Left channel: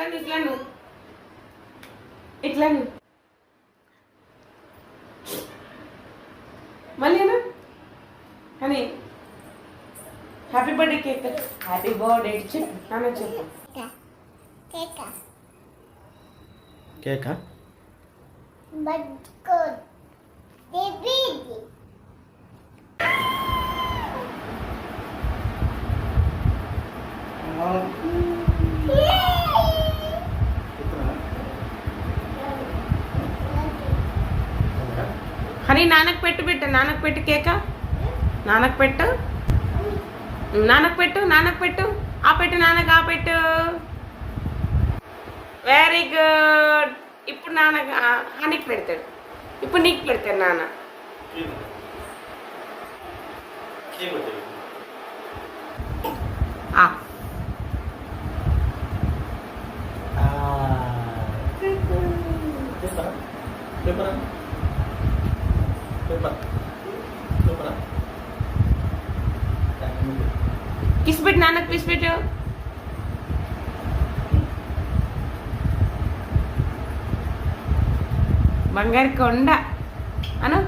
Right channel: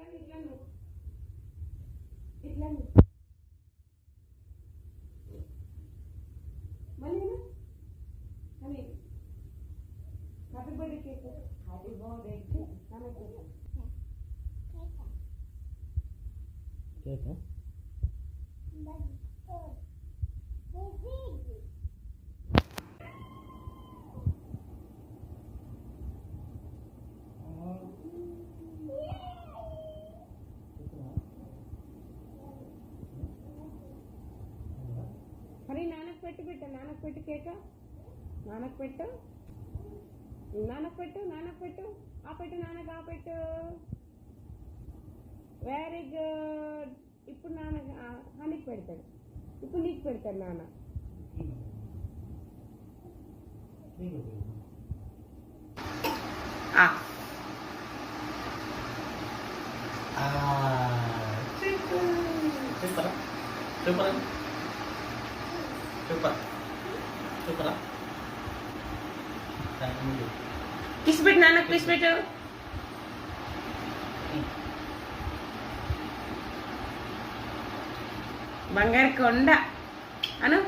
ఇట్లా ఇట్లా మళ్ళీ అని happy birthday cake happy birthday చెప్పు నాన్న చెప్పు కేకా హనీ నాన్నకు పెట్టు నాన్నకు పెట్టు కేక నాన్నకు పెట్టు నాన్నకు పెట్టు ఆ పెట్టు నాన్నకు ఆ పెట్టు వెరీ గుడ్ ఇప్పుడు నాన్న హనీకి పెడతాడు ఇప్పుడు నీకు పెడతాడు నాన్న కిస్ పెట్టు నాన్నకు కిస్ పెట్టు బంగారు కొండ అను